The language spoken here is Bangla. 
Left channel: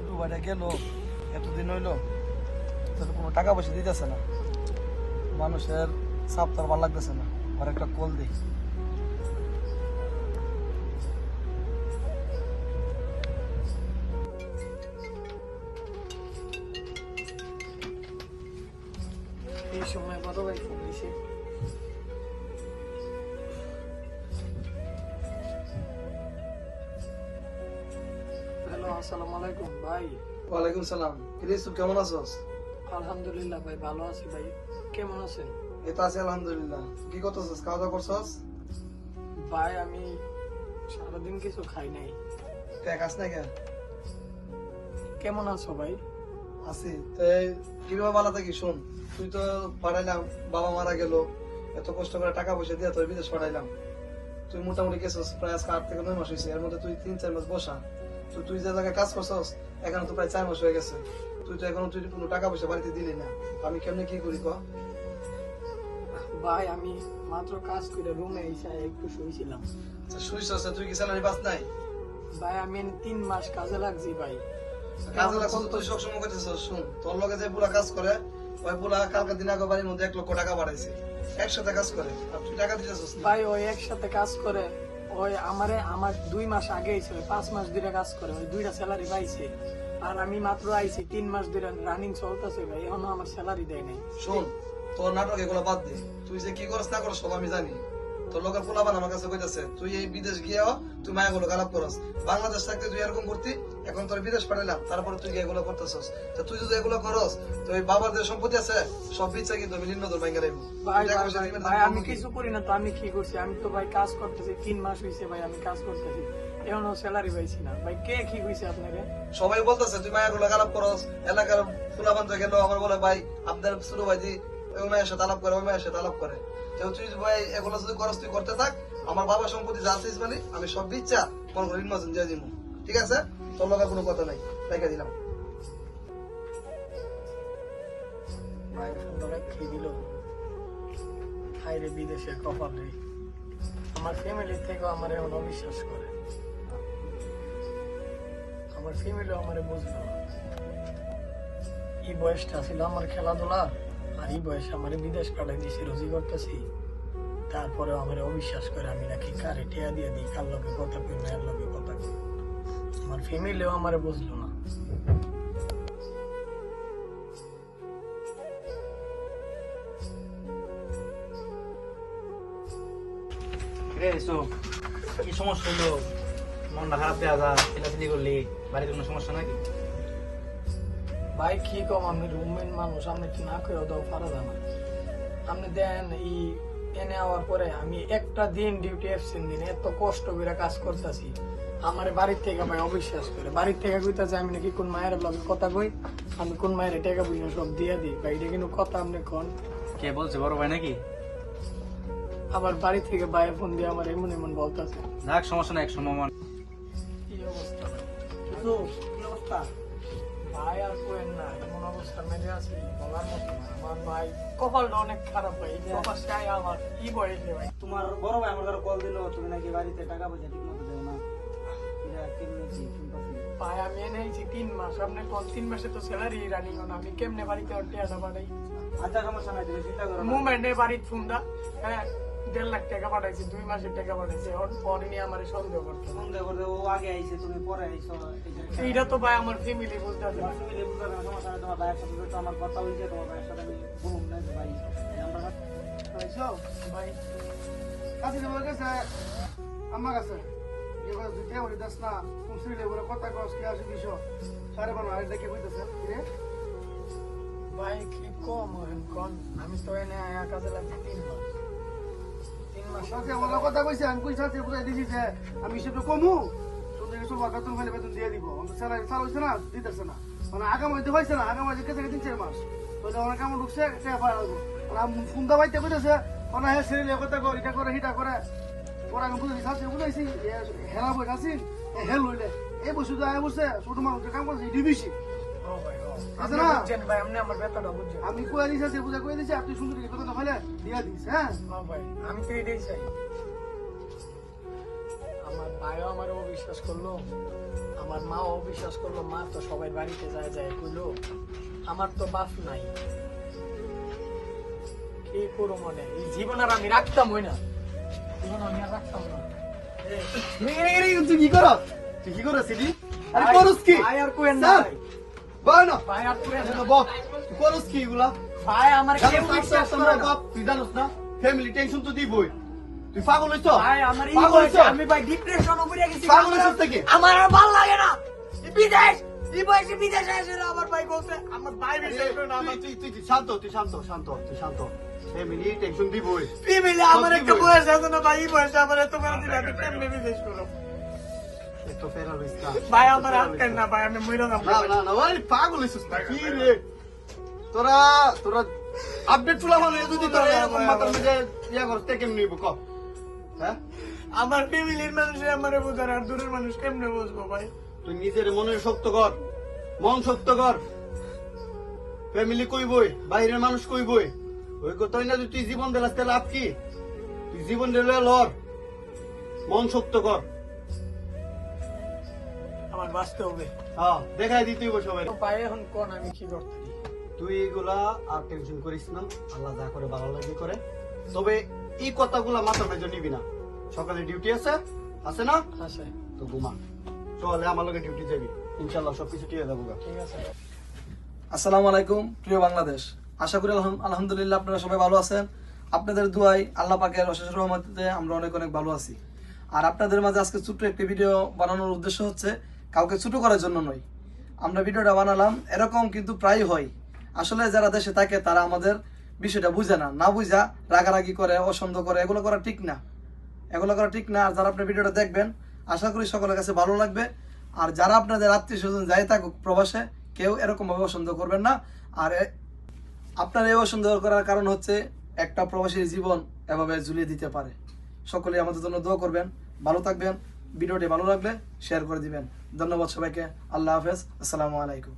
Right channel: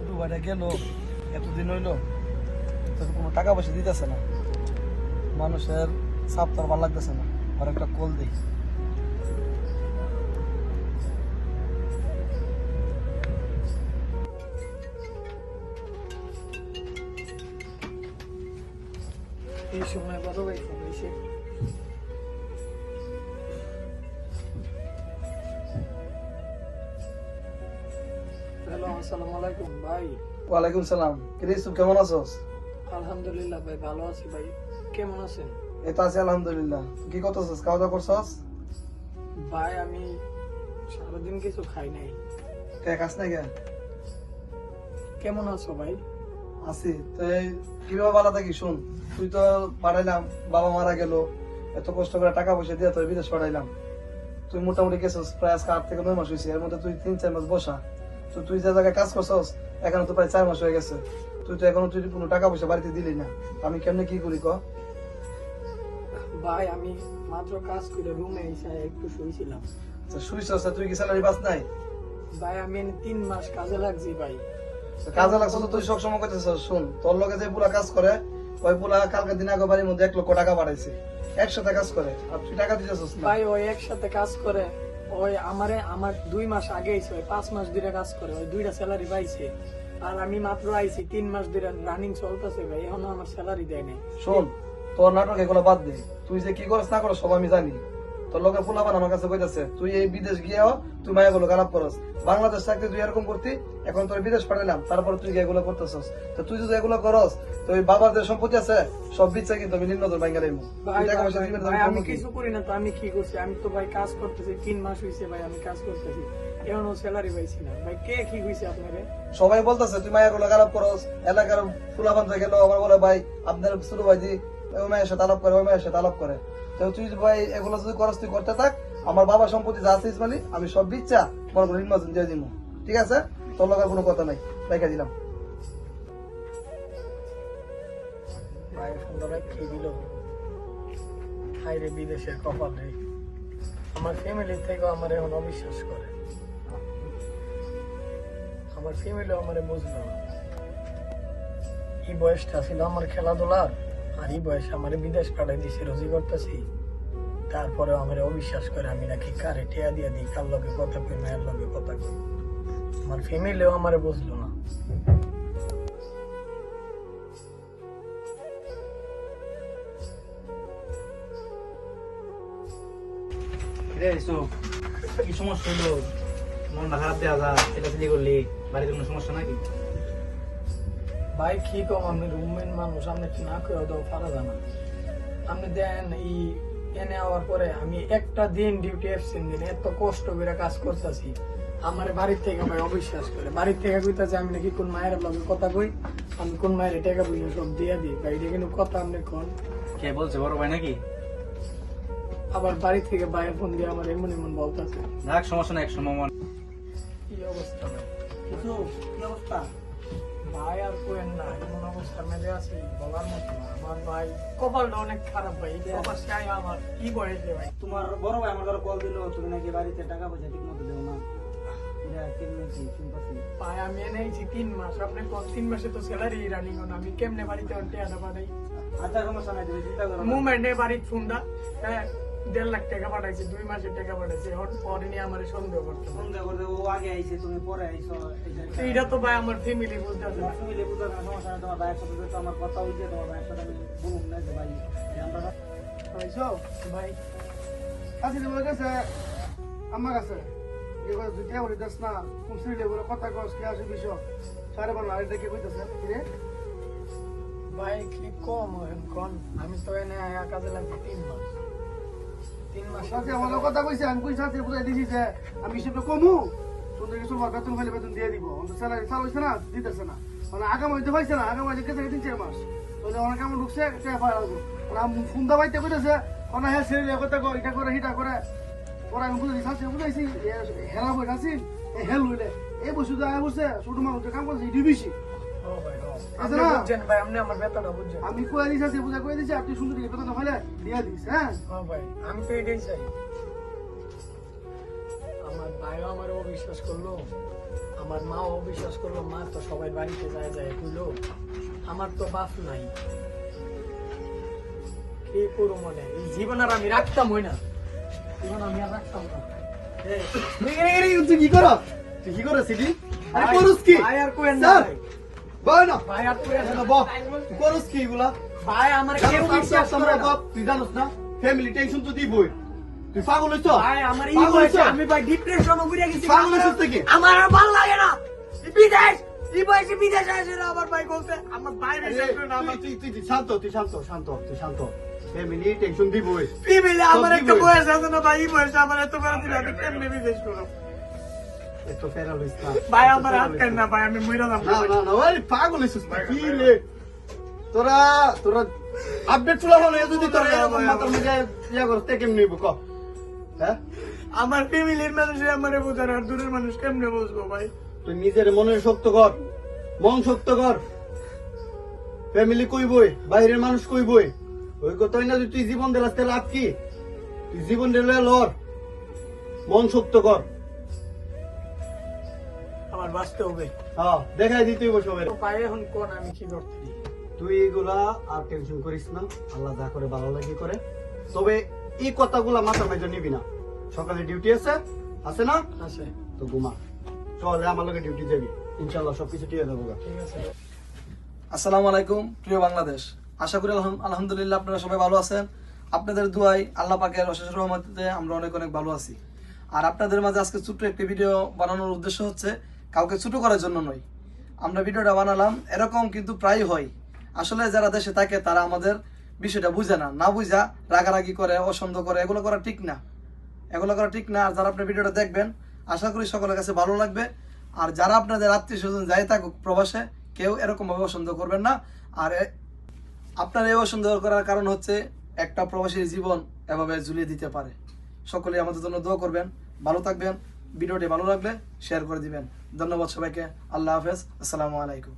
ছোট ভাইটা গেল এতদিন হইলো, তো কোনো টাকা পয়সা দিতেছে না, মানুষের চাপ তো আর ভালো লাগতেছে না। আর একটা কল দিই। এই সময় বড় ভাই ফোন দিছে। হ্যালো, আসসালামু আলাইকুম ভাই। ওয়ালাইকুম সালাম। কিরিসু কেমন আছোস? আলহামদুলিল্লাহ ভাই, ভালো আছি ভাই। কেমন আছেন? এই তো আছি আলহামদুলিল্লাহ। কি করতেছিস? খাওয়া দাওয়া করছস? ভাই আমি সারাদিন কিছু খাই নাই। কে খাস নাই কেন? কেমন আছো ভাই? আছি। কিভাবে ভালো থাকি শুন, তুই তো পাঠাইলাম, বাবা মারা গেল, এত কষ্ট করে টাকা পয়সা দিয়ে তোর বিদেশ পাঠাইলাম, তুই মোটামুটি গেছিস প্রায় আজকে 8 থেকে 9 মাস হয়েছে। এর মধ্যে তুই 3-4 মাস বসা, তো তুই যে জায়গায় কাজ করছস এখন তো প্রায় 4 মাস হয়ে গেছে, তুই তো এখনো তুই কোনো টাকা পয়সা বাড়িতে দিলি না। আমি কেমনে কি করি ক? ভাই আমি মাত্র কাজ করে রুমে এসে একটু শুয়েছিলাম। আচ্ছা শুয়েছস, তুই কি স্যালারি পাস নাই? ভাই আমি 3 মাস কাজে লাগছি ভাই। কাজে লাগছ তো তুই সবসময় করতেছস। শুন, তোর লগে যে পুরা কাজ করে ওই পুরা কালকে দিন আগে বাড়ির মধ্যে 1 লক্ষ টাকা বাড়াইছে, একসাথে কাজ করে, আর তুই টাকা দিতেছস না। ভাই ওই একসাথে কাজ করে, ওই আমার 2 মাস আগে এসে 5 মাস ধরে কাজ করে, ওই 2টা স্যালারি পাইছে। আর আমি মাত্র আইছি 3 মাস ধরে রানিং চলতেছে ভাই, এখনো আমার স্যালারি দেয় নাই। শোন, তোর নাটক এগুলো বাদ দে, তুই যে কি করস না করস সব আমি জানি। তোর লোকের পোলাপান আমার কাছে কইতাছে তুই এই বিদেশ গিয়েও তুই মায়া গুলো খারাপ করস। বাংলাদেশ থাকতে তুই এরকম করতি, এখন তোর বিদেশ পাঠাইলাম, তারপর তুই এগুলো করতেছস। তো তুই যদি এগুলো করস তো ওই বাবার যে সম্পত্তি আছে সব বিচ্ছে কিন্তু আমি নিম্ন তোর ভাঙ্গা দেবো। আমি কিছু করি না তো, আমি কি করছি? আমি তো ভাই কাজ করতেছি, 3 মাস হয়েছে ভাই আমি কাজ করতেছি, এখনো স্যালারি পাইছি না ভাই। কে কি হয়েছে আপনারে? সবাই বলতেছে তুই মায়া গুলো খারাপ করস, এলাকার পোলাপান থেকে আবার বলে ভাই আপনার ছোট ভাই দি ওই মায়ের সাথে আলাপ করে, ওই মায়ের সাথে আলাপ করে। তুই ভাই এগুলো যদি করস তুই করতে থাক, আমার বাবার সম্পত্তি যা আছে ইসমাইলি আমি সব দিচ্ছা মনে করি নির্বাচন দিয়ে দিব। ঠিক আছে, তোর লোকের কোনো কথা নাই, দেখা দিলাম। ভাই সুন্দর খেয়ে দিল, হাইরে বিদেশের কপাল রে। আমার ফ্যামিলি থেকেও আমার এখন অবিশ্বাস করে, আমার ফ্যামিলিও আমার বুঝলো না। এই বয়সটা ছিল আমার খেলাধুলার, আর এই বয়সে আমার বিদেশ পাঠাই দিয়েছি, রোজি করতেছি, তারপরে আমার অবিশ্বাস করে আমি নাকি কারে টেয়া দিয়ে দিই, কার লগে কথা কই, মায়ের লগে কথা কই। আমার ফ্যামিলিও আমার বুঝলো না। কি সমস্যা হলো? মনটা খারাপ দেওয়া যা এটা ফিলি করলি, বাড়িতে কোনো সমস্যা নাকি? ভাই কি কম, আমি রুমমেট মানুষ, আপনি কি না করে দাও পারা জানা। আপনি দেন এই এনে আওয়ার পরে আমি একটা দিন ডিউটি অ্যাবসেন্ট দিন, এত কষ্ট করে কাজ করতেছি, আমার বাড়ির থেকে ভাই অবিশ্বাস করে। বাড়ির থেকে কইতাছে আমি নাকি কোন মায়ের লগে কথা কই, আমি কোন মায়ের টাকা বুঝবো সব দিয়ে দিই ভাই, এটা কিন্তু কথা আপনি কোন। কে বলছে, বড় ভাই নাকি? আবার বাড়ি থেকে ভাইয়ের ফোন দিয়ে আমার এমন এমন বলতেছে। যাক সমস্যা না, এক সময় কি অবস্থা কিছু, কি অবস্থা ভাই? আর কোয়েন না, এমন অবস্থা মেরে আছি বলার মতো না। আমার ভাই কপালটা অনেক খারাপ ভাই, এই অবস্থায় আমার কি বয়সে ভাই। তোমার বড় ভাই আমার কল দিল, তুমি নাকি বাড়িতে টাকা পয়সা ঠিক মতো দেয় না। ভাই আমি এনেছি 3 মাস, আপনি কোন 3 মাসে তো স্যালারি রানিং না, আমি কেমনে বাড়িতে টাকা পাঠাই? আচ্ছা সমস্যা নাই, তুমি চিন্তা করো না। মুভমেন্টে বাড়ির ফোনটা 1.5 লাখ টাকা পাঠাইছে, 2 মাসের টাকা পাঠাইছে, পরে নিয়ে আমার সন্দেহ করতে সন্দেহ করলে ও আগে আইছে, তুমি পরে আইছো। এইটা তো ভাই আমার ফ্যামিলি বলতে হবে। ফ্যামিলি বুঝার কোনো সমস্যা নাই, তোমার ভাইয়ের সাথে তো আমার কথা হইছে, তোমার ভাইয়ের সাথে আমি বলুন না যে ভাই আমরা পাইছো ভাই? কাছে বলে গেছে আমার কাছে এবার দুটা বলে দাস না কোন সিলে বলে কথা কস কি আসে বিষয় সারে বানো আর দেখে কইতাছে রে ভাই কি কম কোন, আমি তো এনে আয়া কাজে লাগবে 3 মাস। সাথে আমার কথা কইছে, আমি কই সাথে বুঝাই দিছি যে আমি সেটা কমু তোদের কিছু বেতন হইলে বেতন দিয়ে দিব, অন্ত স্যালারি চালু হইছে না, দিতেছে না, মানে আগাম হইতে হইছে না, আগাম হইতে কেটে 3-4 মাস তাহলে অনেক কেমন ঢুকছে টাকা পাওয়া লাগবো। আমি ফোন দাবাইতে কইতেছে কোন হ্যাঁ সিলে কথা কর, এটা করে হিটা করে পরে আমি বুঝাইছি সাথে বুঝাইছি হেলা বই আছি হেল হইলে এই বসে তো আয় বসে ছোট মানুষ কাম করছে ইডি বেশি। আমি কয়ে দিছি বুঝা কয়ে দিছি, আপনি সুন্দর বেতন হলে দিয়ে দিস। হ্যাঁ ভাই আমি তো এটাই চাই। আমার ভাইও আমার অবিশ্বাস করলো, আমার মাও বিশ্বাস করলো, মা তো সবাই বাড়িতে যায় যায় কইলো আমার তো বাপ নাই, কি করো মনে এই জীবন আর আমি রাখতাম হই না, জীবন আমি আর রাখতাম না। তুই কি করো? তুই কি করো সিটি? আরে করস কি? ভাই আর কোয়েন না ভাই, বল না। ভাই আর কোয়েন না বল। তুই করস কি এগুলা? ভাই, আমার কেউ বিশ্বাস করে না তুই জানোস না? ফ্যামিলি টেনশন তো দিবই। তুই পাগল হইছো? ভাই, আমার ই পাগল বয়সে হইছো? আমি ভাই ডিপ্রেশনে পড়ে গেছি, পাগল হইছিস নাকি? আমার আর ভালো লাগে না এই বিদেশ, এই বয়সে বিদেশে আসে না। আমার ভাই বলছে আমার ভাই বিশ্বাস করে না, আমার তুই শান্ত। ফ্যামিলি টেনশন দিবই। ফ্যামিলি আমার সব একটা দিবই। বয়স আছে না ভাই, এই বয়সে আমার এত বড় দিল আমি কেমনে বিদেশ করব? একটু ফেরা লইস না। ভাই আমার হাত কেন না ভাই, আমি মইরা যাব না, ওই পাগল হইছিস না। কি রে? তোরা আপডেট চলা মানে যদি তোরা এরকম মাথার মধ্যে ইয়া করস তে কেমনে নিব ক? হ্যাঁ? আমার ফ্যামিলির মানুষ আমারে বুঝার, আর দূরের মানুষ কেমনে বুঝবো ভাই? তুই নিজের মনের শক্ত কর, মন শক্ত কর। ফ্যামিলি কইবই, বাইরের মানুষ কইবই। ওই কথাই না যে তুই জীবন দিলাস তাহলে লাভ কি? তুই জীবন দিলে লর, মন শক্ত কর। আমার বাঁচতে হবে। হ্যাঁ, দেখাই দিতে হইব সবাই। তো ভাই এখন কোন আমি কি করতে? তুই এগুলা আর টেনশন করিস না, আল্লাহ যা করে ভালো লাগে করে। তবে এই কথাগুলা মাথার মাঝে নিবি না। সকালে ডিউটি আছে না? আছে, তো ঘুমা। চলে আমার লগে ডিউটি যাবি, ইনশাল্লাহ সবকিছু ঠিক হয়ে যাবো। ঠিক আছে। আসসালামু আলাইকুম প্রিয় বাংলাদেশ, আশা করি আলহামদুলিল্লাহ আপনারা সবাই ভালো আছেন। আপনাদের দুয়াই আল্লাহ পাকের অশেষ রহমতে আমরা অনেক অনেক ভালো আছি। আর আপনাদের মাঝে আজকে ছোট্ট একটি ভিডিও বানানোর উদ্দেশ্য হচ্ছে কাউকে ছোট করার জন্য নয়। আমরা ভিডিওটা বানালাম, এরকম কিন্তু প্রায় হয়। আসলে যারা দেশে থাকে তারা আমাদের বিষয়টা বুঝে না বুঝা রাগারাগি করে, অসন্দ করে, এগুলো করা ঠিক না। আর যারা আপনার ভিডিওটা দেখবেন আশা করি সকলের কাছে ভালো লাগবে। আর যারা আপনাদের আত্মীয় স্বজন যাই থাকুক প্রবাসে, কেউ এরকম ভাবে অসন্দ করবেন না। আর আপনার এই অসন্দ করার কারণ হচ্ছে একটা প্রবাসীর জীবন এভাবে ঝুলিয়ে দিতে পারে। সকলে আমাদের জন্য দোয়া করবেন, ভালো থাকবেন। ভিডিওটি ভালো লাগলে শেয়ার করে দিবেন। ধন্যবাদ সবাইকে। আল্লাহ হাফেজ, আসসালামু আলাইকুম।